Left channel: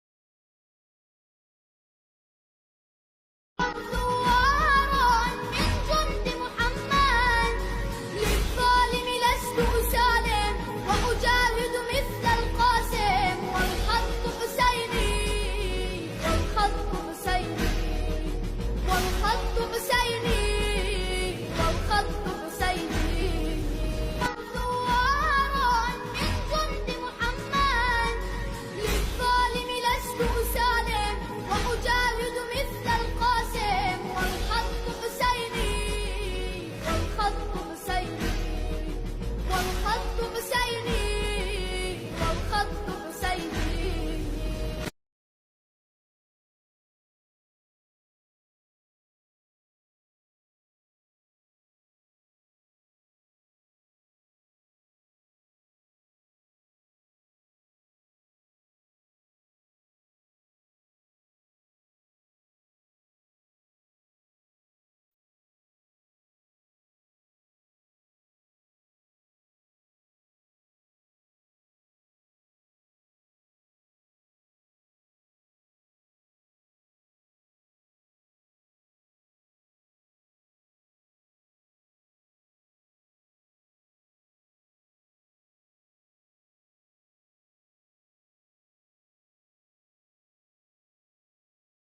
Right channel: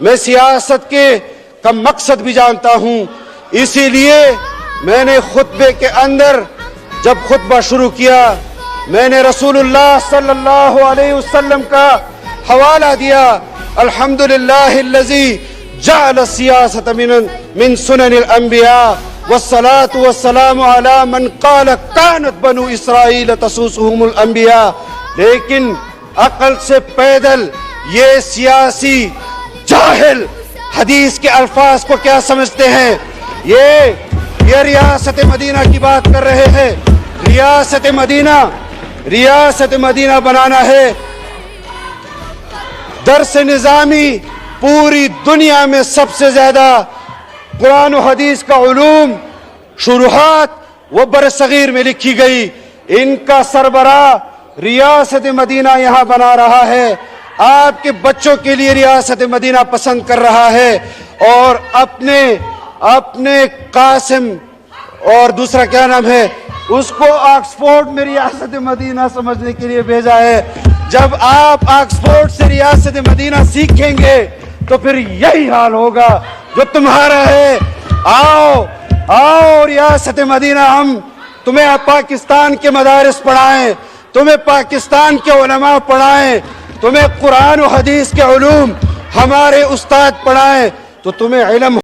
میں سیاست کے کا مقصد بھی جانتا ہوں، اسی لیے میں نے خطبے کے اندر جب خطبہ شروع کیا میں نے رسول اللہ صلی اللہ علیہ وسلم کا حوالہ دیا، الحمدللہ الذی جعل السیاست من سنن الانبیاء والصلاة والسلام علی من قال کانت بنو اسرائیل تسوسهم الانبیاء۔ لیکن عقل سے پیدل یہ سیاسی جاہل حدیث کے الفاظ کو کیا سمجھتے ہیں؟ یہ ریاست مدینہ کی بات کر رہے ہیں۔ ریاست مدینہ بنانا ہے، درس نظامی پوری دنیا میں سب سے زیادہ قرآن و حدیث کا علوم شروحات وہ برصغیر میں لکھی گئی، ان کا سربراہ ریاست مدینہ یہاں بنا رہا ہے، آپ کے بچوں کے لیے ریاست مدینہ پسند کر رہا ہے، اور اپنے قاسم اور دوسرا کیا نام ہے اس کو آکسفورڈ میں ریاست مدینہ سمجھنے کے لیے بھیجا ہے۔ جب آپ آکسفورڈ سے ریاست مدینہ سیکھیں گے تو پھر یہی حال ہوگا جو تمہارا ہے۔ آؤ ریاست مدینہ، ہم تمہیں پاکستان کے مدارس پڑھائیں، تمہیں پاکستان کے علماء پڑھائیں، تمہیں قرآن و حدیث کے علوم ہمارے استاد پڑھائیں، تو تمہیں علم